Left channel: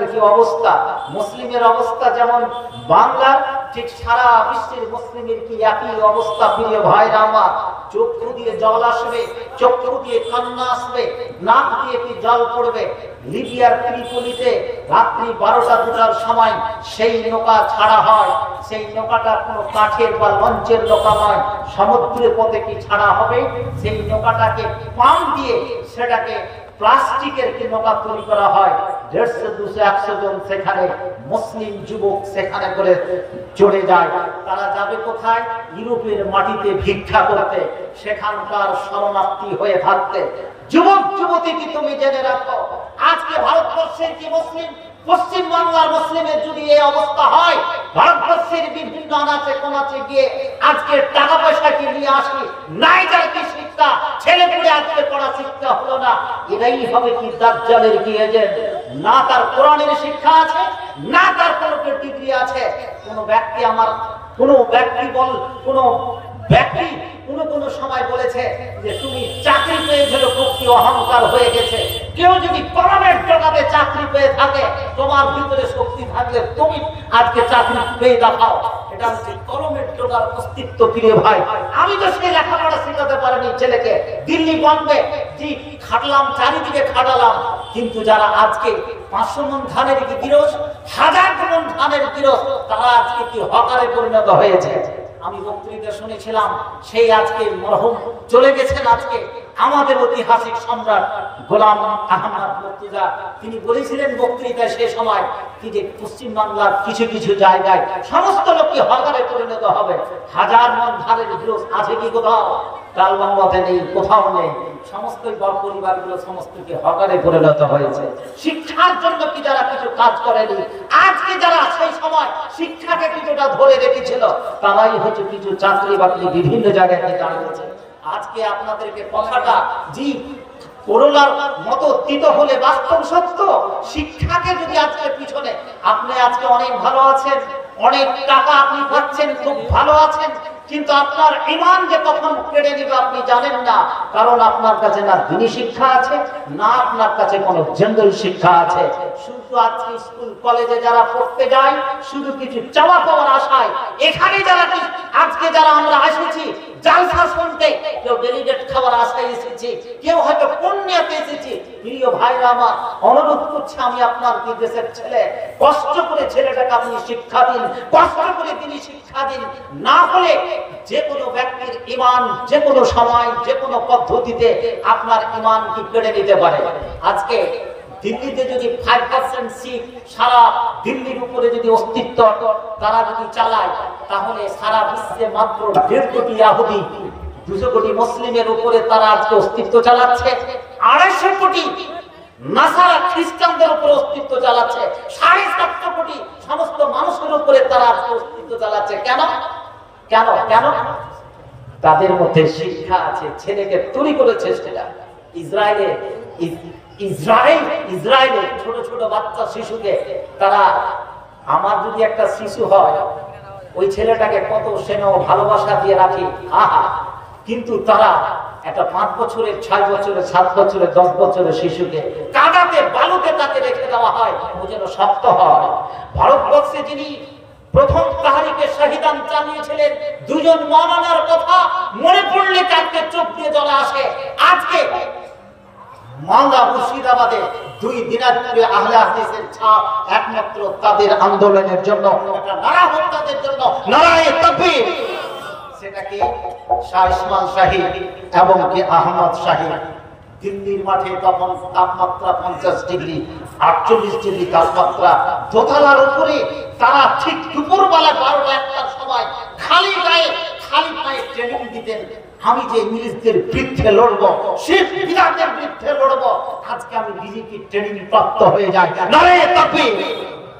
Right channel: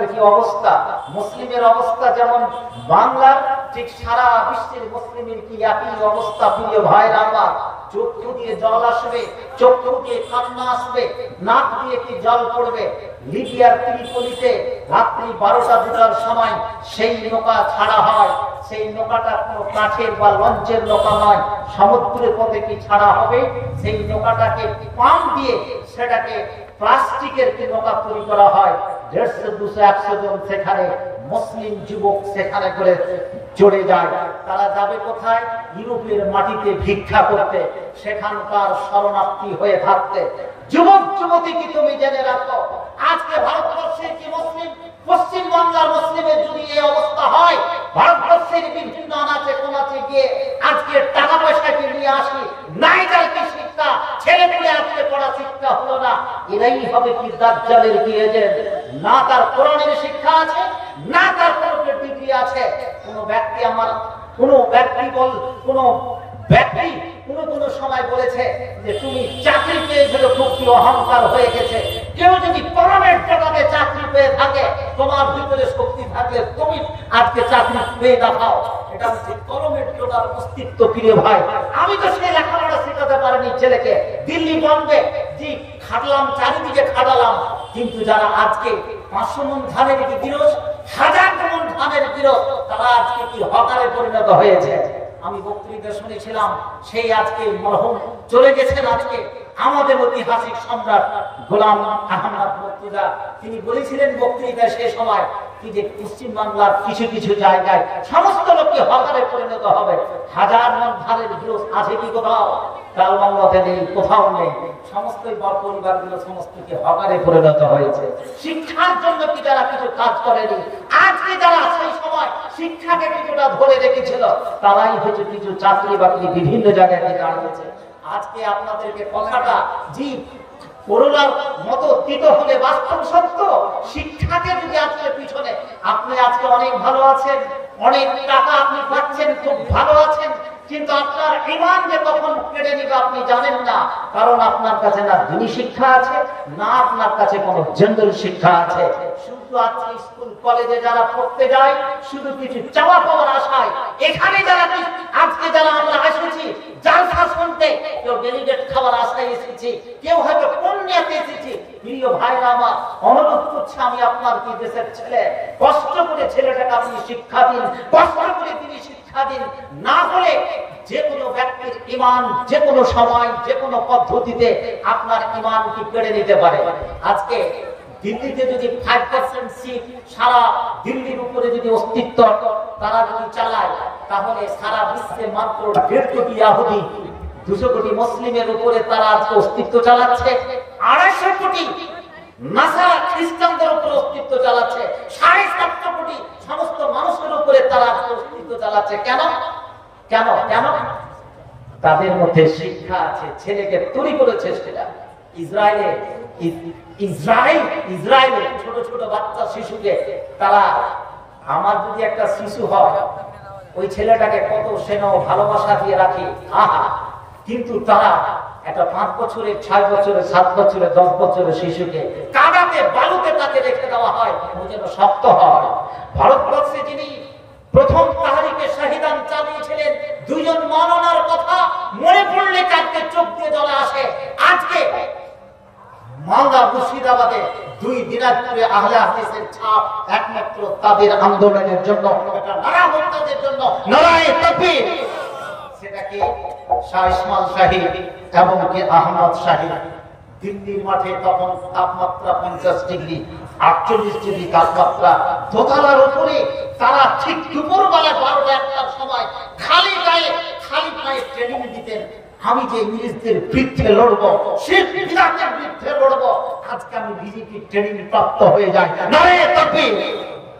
বাংলাদেশের কি অবস্থা, মুসলিমের অবস্থা যেমন বাংলার, ঠিক সারা বিশ্বের মুসলিমের কি একই অবস্থা। প্রিয় ভাইরা আমার, চক্ষু দিয়ে জল আসবে, চক্ষু দিয়ে কান্না আসবে, নাক দিয়ে কি জল পড়বে। লিবিয়ার ত্রিপোলিতে রাত্রি 12টা-2টার সময় সেই নৌকা ছাড়া হয়, সেই নৌকাটা কোনো কাঠের বা লঞ্চের নৌকা নয়, সমুদ্রের পথে কি ছাড়া হবে। সেই নৌকাটাকে পাম্প দিয়ে সেটাকে প্লাস্টিকের কি নৌকা তৈরি করা হয়। 150, 200, 100 জন সেখানে মুসলিম যুবক সেখানে করে চড়ে যায়। তারা যাবে কোথায়? ইউরোপের মাটিতে ভিক্ষা করতে, সেখানকার শরণার্থী হয়ে থাকতে। যুবক যুবতী কি তুমি জেনে রাখো, আজকে ভারতবর্ষের কি মুসলিম, পশ্চিম বাংলার মুসলিমের যদি এই অবস্থা হয়, ভারতবর্ষের বিভিন্ন আনাচে কোনাচে গিয়ে আজকে টাকা পয়সা কি নিয়ে আসি, নাইটার কি শিক্ষা, ছেলে পুলে আজকে পড়া শিক্ষা হলো না। এরাই হবে কি দাজ্জালের কি এজেন্ট। না তার কোরআনের শিক্ষা আছে, না তার কোনো ডিগ্রি আছে। কোনো ব্যক্তি কোন সময় বলেছে যে তুমি চাকরি পেয়ে গেলে খুব কি অহংকার হয়ে গেছে। কেউ যদি কোরআনের জগতে চাকরি পেয়ে থাকে, তোমার ভিতরে শক্তি থাকলে তুমি আজকে চাকরি পেয়ে দেখাও। এটা হচ্ছে কলমের জোগাড় অস্তিত্ব। প্রিয় ভাই, আমি তো সেই লেখাপড়া শেখাতে পারিনি ছেলেকে, দিল্লি বম্বে যে খাটলাম, চারিদিকে খাটালাম, কিন্তু যারা আজকে 500 মণ ধানের কি গিরস, 1000 মণ ধানের গিরস, তারা আজকে কি হকারে পরিণত হয়েছে। আমি বক্তৃতা শুনেছিলাম, সেই আজকে মরহুম চলে গেছেন আজকে আমাদের ঐতিহাসিক সম্রাট গোলাম আহমদ মুর্তজা। তিনি বলেছিলেন বক্তৃতায় সে সময় কি যে পশ্চিম বাংলার কিছু কিছু জায়গায় সমস্ত লোককে হকারে পরিণত হবে। 1000 মণ ধানের গিরস আছে কি কোথাও? কালবাংলাতে নেই, কোথাও নেই। সমস্ত পরিবারগুলো সমস্তকে হকারে পরিণত হয়েছে। শিক্ষার জন্য কি যারা কিছু কাজ করেনি, আজকে যারা সেই সময় শিক্ষাকে কিছুটা ধরে রেখেছিল, তারাই হচ্ছে কিছু চাকরি বাকরি বিভিন্ন জায়গায় দাঁড়িয়েছে। আজকে আপনাদেরকে কথাটা জি করোনার মতো তিত হলে বাস্তব সত্য। শিক্ষাকে যদি আজকে পিছনে, আপনি আজকে অনেক ভালো আছেন, অনেক টাকা আপনি পাচ্ছেন, খুব ভালো আছেন, কিন্তু আপনার ঈমান যে কখন কেড়ে নিবে আপনি জানেন না। কারণ আপনার কাছে না দ্বীনি শিক্ষা আছে, না আপনার কাছে কোনো জেনারেল শিক্ষা আছে। শুধু আজকে স্কুল কলেজে যারা পড়তে যায়, শুধু কিছু চাওয়া পাওয়ার আশায়, এখানে যারা আজকে যারা আমরা এসেছি জালসা শুনতে, কেউ ডেলিগেট খাওয়ার আশায় এসেছি, কেউ হয়তো পুণ্যতে এসেছি। প্রিয় ভাইরা আমার, অনুরোধ করছি আমি আপনার কি দেশের ছেলে, কষ্ট করে ছেলেটাকে আপনি শিক্ষা দিন, কষ্ট করে তিনি শিক্ষা দিন। না হলে যে কোনো ব্যক্তির ঈমান যে কোনো সময় যে কোনো পদ্ধতিতে আপনার ঈমান কি কেড়ে নিতে পারে। আজকে দিল্লিতে যদি 5% সিট সারা দিল্লির উপরে যদি অস্তিত্ব তারা যদি চালায়, তাহলে সারা বিশ্বে মাত্র 1.5 কোটি ইহুদি, 200 কোটি মুসলিমের উপরে তারা আজকে অস্তিত্ব চালাচ্ছে। 250 কোটি নাসারা খ্রিস্টানদের উপরে অস্তিত্ব চালাচ্ছে। 7.5 কোটি সমস্ত মানুষের উপরে তারা আজকে অস্তিত্ব চালাচ্ছে। কেন কেন কেন? তাদের মধ্যে শিক্ষা আছে, ছেলেকে তৈরি করেছে সেটা। ইসরায়েলে ছোট ছোট বাচ্চা শিশুকে তারা, আমার যদি একটা শিশু হয়, ওই ছেলেটাকে কত স্নেহ ভালোবাসা দিয়ে রাখি, আহা, কিন্তু তারা একটা 5 বছরের, 6 বছরের, 7 বছরের, 10 বছরের শিশুকে কাদাতে বালুতে তাকে রেখে দেওয়া হয়, ও যেন শক্ত হয়। ভারতবর্ষে যিনি প্রথম তাহরিকে শহীদান চালিয়েছিলেন, 2 জন মাওলানার কথা মনে পড়লে কাঁদতে চোখ দিয়ে জল আসে। আজকে মালদা মুর্শিদাবাদে 2 দিনাজপুরে আহলে হাদিসের ছাপ একমাত্র তাদের আন্দোলনের জন্য, এটা নারা হত্যাদের জন্য, নারায়ে তাকবীর। সেটা কি শাহ ইসমাইল শাহী এবং কি আহমদ শাহী। দিল্লির মাঠে তখন তাপমাত্রা 50 ডিগ্রি, 48 ডিগ্রি তাপমাত্রা, দোতলার উপরে তারা ঠিক দুপুরবেলা 12টা-1টার সময় খালি পায়ে ট্রেনিং দিতেন। আমি যে ইংরেজদের বিরুদ্ধে লড়বো, সেই বিরাটের বিরুদ্ধে লড়বো, আজকে আমি বিজেপি ট্রেনিং প্রাপ্ত হয়ে যাই। নারায়ে তাকবীর।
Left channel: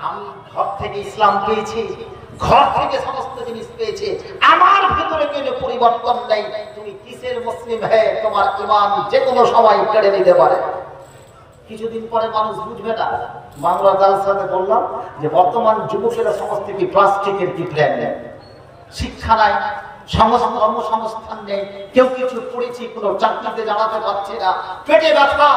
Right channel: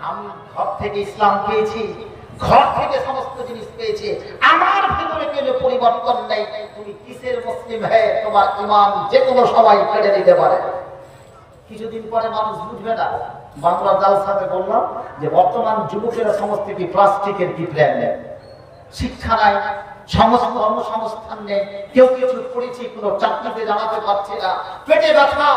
আমি ঘর থেকে ইসলাম পেয়েছি, ঘর থেকে সমস্ত জিনিস পেয়েছে, আমার ভিতরে কোনো পরিবর্তন নেই। তুমি কিসের মুসলিম হয়ে তোমার ইমাম যে কোনো সময় কেড়ে নিতে পারে। কিছুদিন পরে মানুষ বুঝবে না। বাংলা জালসাতে বললাম যে বর্তমান যুবকেরা সমস্ত কি প্লাস্টিকের কি প্ল্যান নেয়, শিক্ষা নাই, কর্মসংস্থান নেই, কেউ কিছু পড়েছি কোনো চাকরিতে জানাতে পারছে না, পেটে ব্যথা,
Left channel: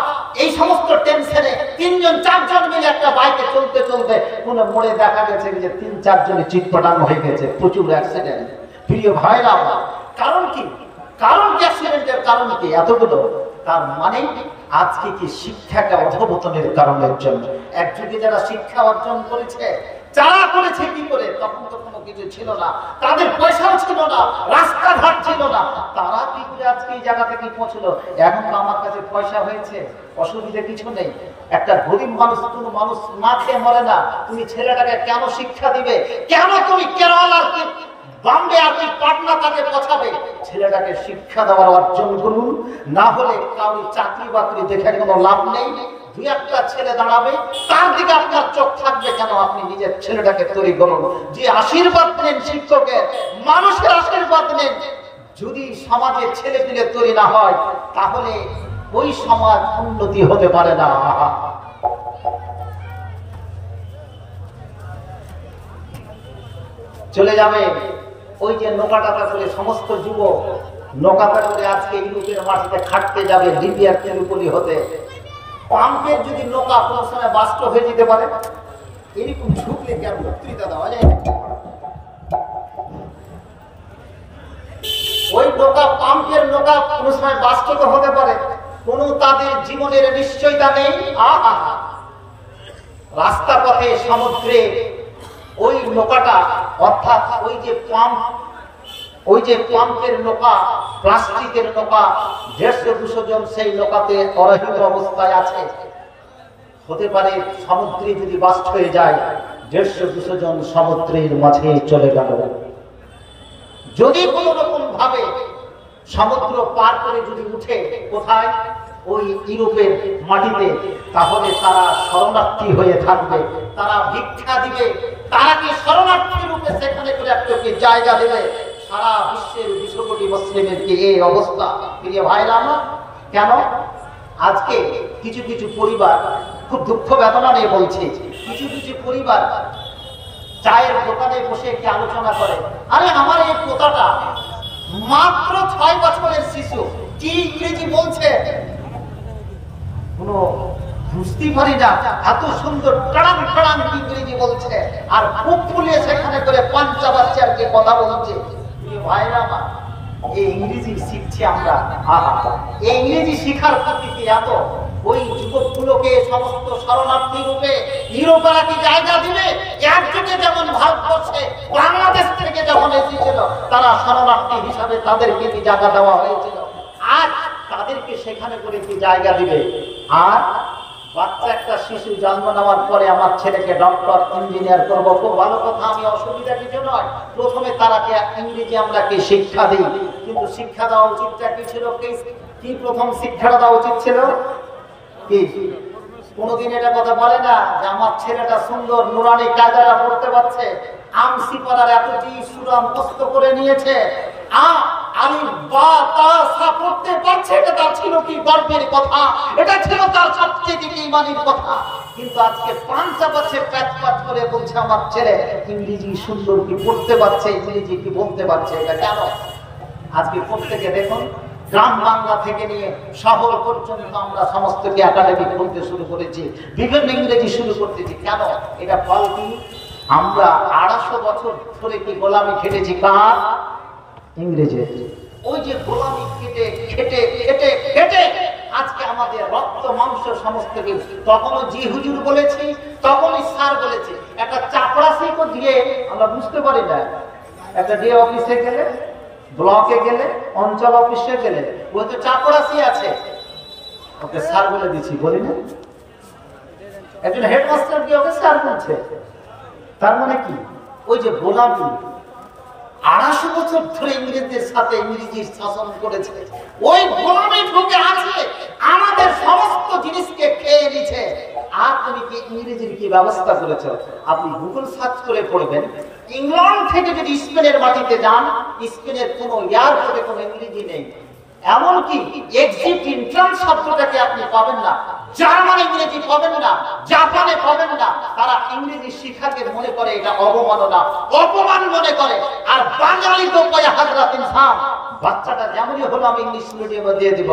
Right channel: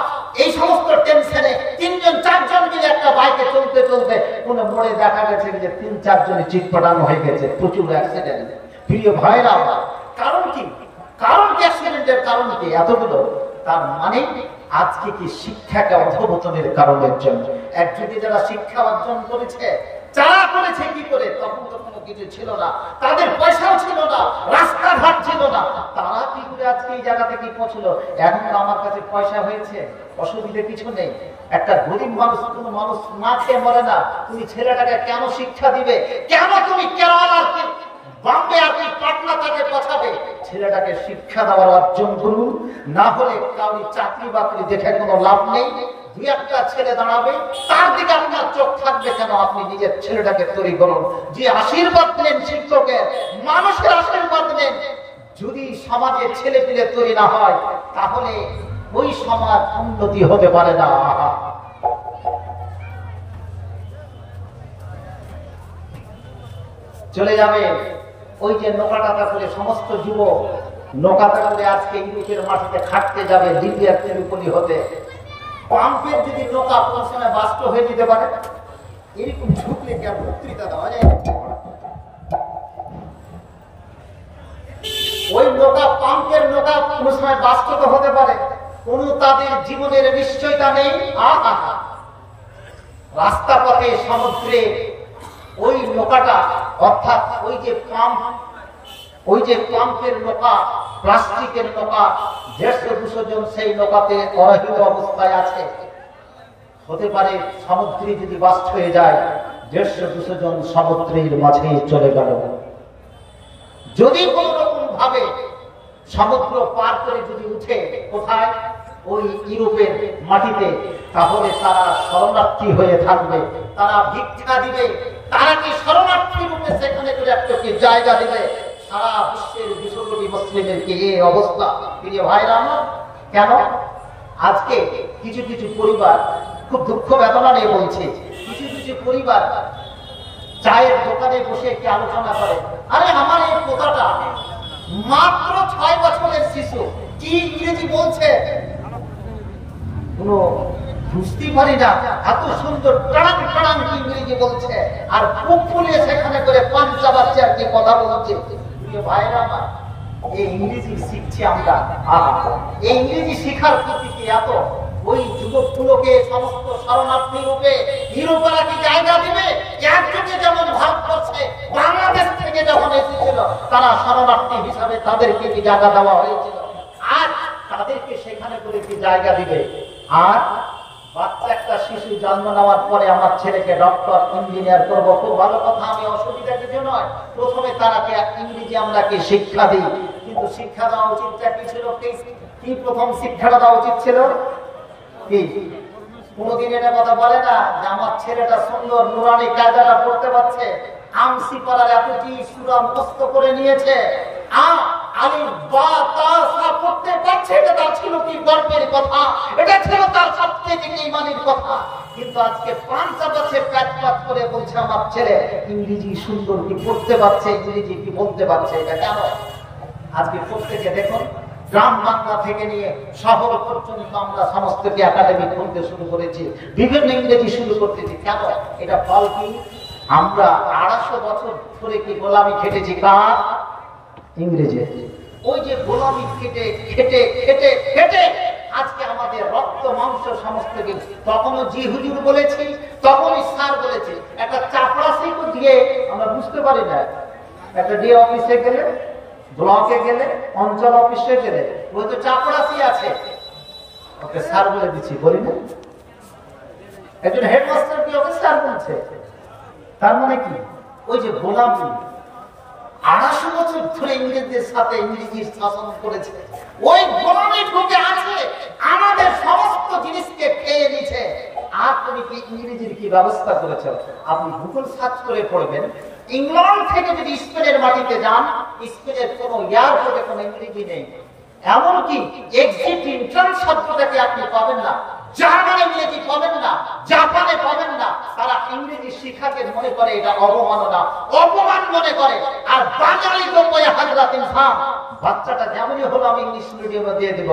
এই সমস্ত টেনশনে 3-4জন মিলে একটা বাইকে চলতে চলতে কোনো মোড়ে দেখা গেছে যে 3-4 জনের চিৎপটানো হয়ে গেছে, প্রচুর অ্যাক্সিডেন্ট। প্রিয় ভাইরা আমার, কারণ কি? কারণ কি অ্যাক্সিডেন্টের কারণ কি এতগুলো? তার মানে আজকে কি শিক্ষাকে অধঃপতনের কারণের জন্য। এক যুগে যারা শিক্ষা অর্জন করেছে, যারা করেছে কি করে, তখন তো কোনো কিছু ছিল না, তাদের পয়সাও ছিল না, রাস্তাঘাট ছিল না, তারা কি করে আজকে এই জায়গা থেকে পৌঁছলো? এখন তো আমার কাছে পয়সা হয়েছে, অসুবিধা কিছু নেই। একটা গরিব মানুষ, কোনো মানুষ না খেয়ে মরে না, তুমি ছেলেটাকে কেন শিক্ষা দিবে? কেন তুমি কেরালার বম্বে আর পাটনা তাকে পৌঁছাবে? ছেলেটাকে শিক্ষা দেওয়ার অর্জন করুন, না হলে কাউরি চাকরি বাকরি দেখে কোনো লাভ নেই। 2-1টা ছেলে দাঁড়াবে, তার দিকে আপনার চোখ থাকবে কেন? আপনি নিজের ছেলেটাকে তৈরি করুন, যে আশীর্বাদ নেন শিক্ষকের, মানুষের আশীর্বাদ নেন। যদি সমাজের ছেলে পেলে তৈরি না হয়, তাহলে ওই সমাজ উন্নতি হতে পারে না। চলে যাবে ওই যে নৌকাটা করে সমস্ত যুবক নৌকাটা করে আজকে ইউরোপের মাটিতে খাটতে যাবে, লিবিয়ার ত্রিপোলি হতে। পাম্পের যদি নৌকা কোনো সময় বাস্ট হয়ে যেতে পারে, এরকম ঝুঁকলে কি আর বক্তৃতা দেওয়া যায়? ওই নৌকা, পাম্পের নৌকা কোনো সময় বাস্ট তো হতে পারে, কোনো তাদের জীবনের নিশ্চয়তা নেই। রাস্তা পথে, সমুদ্রে ওই নৌকাটা, অর্থাৎ ওই যে পাম্প, ওই যে পাম্পের নৌকা, প্লাস্টিকের নৌকা, 150-200 জন সেই নৌকাতে অরহিত অবস্থায় আছে। হতে পারে সমুদ্রে যদি বাস্ট হয়ে যায়, 150-200 জন সমুদ্রের মাঝে চলে গেল। যদি কোন রকম ভাবে সমুদ্র পার করে যদি উঠে কোথায়, ওই ইউরোপের মাটিতে, তাহলে তারা শরণার্থী হয়ে থাকবে, তারা ভিক্ষা দিবে, তারা কি শরণার্থী রূপে সেখানে করে একটুকে জায়গা দেবে। সারা বিশ্বের 200 কোটি মুসলিমের কি এই অবস্থা? প্রিয় ভাইরা আমার, কেন আজকে কিছু কিছু পরিবার, খুব দুঃখ বেদনা নিয়ে বলছি, কিছু কিছু পরিবার চায়ের দোকানে বসে কি আলোচনা করে, আরে আমার এই পোতাটা মাত্র 6 বছরের শিশু, কি ইংরেজি বলছে কোনো বুঝতে পারি না, এত সুন্দর টান টান ইংরেজি বলছে, আর বুক ফুলিয়ে সেখানে করে 5 বাচ্চার কি কথা বলছে। ভাইরা আমার, এই ইংরেজি শিখছি আমরা, এই ইংরেজি শিখার প্রকৃতি এত, ওই যুবকগুলোকে সমস্ত শরণার্থী রূপে ইউরোপেরা কি জায়গা দিবে? একযোগে যেমন ভারতবর্ষে বাংলাদেশ থেকে যখন এসেছিল, তারা শরণার্থী হিসাবে তাদেরকে কি জায়গা দেওয়া হয়েছিল, আর তাদেরকে সেখানে করে কি জায়গা দিবে? আর বাচ্চা একটা শিশু জন্ম নেওয়ার পরে আমার ছেলেকে ডক্টর, ইঞ্জিনিয়ার করবো, খুব ভালো কথা, আমি অসুবিধা কিছু নয়। প্রথমে তারাকে ইংরেজি আমরা কি শিক্ষা দিই, কিন্তু শিক্ষা দেওয়া উচিতটা কি ছিল? কি প্রথম শিক্ষাটা দেওয়া উচিত ছিল কি? কোনদিন এটা কথা বলে না যে আমার ছেলেটা সুন্দর নুরানি কায়দাটা পড়তে পারছে, আমসি পাড়ার এতটি সূরা মুখস্থ করে নিয়েছে, আলিফ বা তা সা পড়তে পারছে, এটা ছিল কি গর্বের কথা, এটা ছিল তার সবচেয়ে ঈমানের কথা। কিন্তু আজকে 5 বাচ্চা প্যাচ করে বলছে আমার ছেলে ইংরেজি সুন্দর কি পড়তে পারছে, ইংরেজি কি বলতে পারছে। এটা কেন? আজকে প্রত্যেকে দেখুন, গ্রাম বাংলা থেকে নিয়ে শহর পর্যন্ত আমরা সমস্ত কি একাডেমি খুলতে শুরু করেছি, বিভিন্ন ইংরেজি শুরু করতেছি। কেন? এটা ফল কি? আমরা 250 বছর ধরে কি গোলামি খেটেছি কার? ইংরেজি। ওই যে গোলামি খেটে খেটে খেটে খেটে আজকে আমাদের রক্ত মাংস সমস্ত কিছু, তখনও জি হুজুর বলেছি, তখনই স্যার বলেছে। একটা চাপড়াশিকে দিয়ে আমরা বুঝতে পারি না, একটা ডিএ অফিসে গেলে, ব্লকে গেলে, অঞ্চল অফিসে গেলে, ওই তো চাপড়াশি আছে, ওকে স্যার বলে দিচ্ছি, বলি না? একজন হেডমাস্টার কি ওকে স্যার বলছে? তার মানে কি? ওই যে গোলামি 250 বছর ধরে ইংরেজদের সাথে ইংরেজির শাসন করেছে, ওই গোলামি ঢুকে আছে, আমাদের সমস্ত জিনিসকে খেয়ে নিচ্ছে। আর তুমি কি ইংরেজির কি ব্যবস্থা করেছ? আপনি গুগল সার্চ করে পড়বেন, ইংল্যান্ড থেকে যদি স্পেনের মাটিতে যান, স্পেনের কোন এয়ারপোর্টে কোনো ইংরেজি নেই, এমনকি এক্সিট এন্ট্রান্স শব্দটাকে আপনি পাবেন না, জার্মান ইংরেজি পাবেন না, জাপানে পাবেন না। তারা ইংরেজি শিক্ষাকে মনে করে এটা অবমাননা, অপমান মনে করে। আর বাঙালি তো কয় হাজরাত ইনসান, বাচ্চাটা যেমনই হলো আমি ইংলিশ মিডিয়ামে দিয়ে দিব।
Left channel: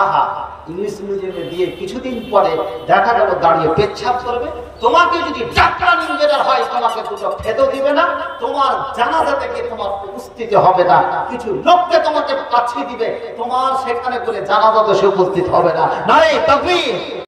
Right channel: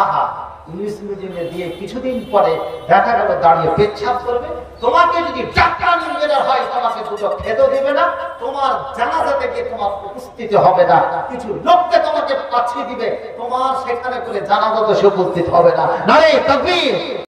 আহা, ইংলিশ মিডিয়ামে দিয়ে কিছুদিন পরে দেখা গেল দাঁড়িয়ে পেচ্ছাপ করবে। তোমাকে যদি ডাক্তার ইঞ্জিনিয়ার হয় তোমাকে দুটো খেতেও দিবে না, তোমার জানাজা থেকে তোমার উপস্থিত হবে না, কিছু লোককে তোমাকে পাঠিয়ে দিবে, তোমার সেখানে করে জানাজা তো সে উপস্থিত হবে না। নারে তাকবীর।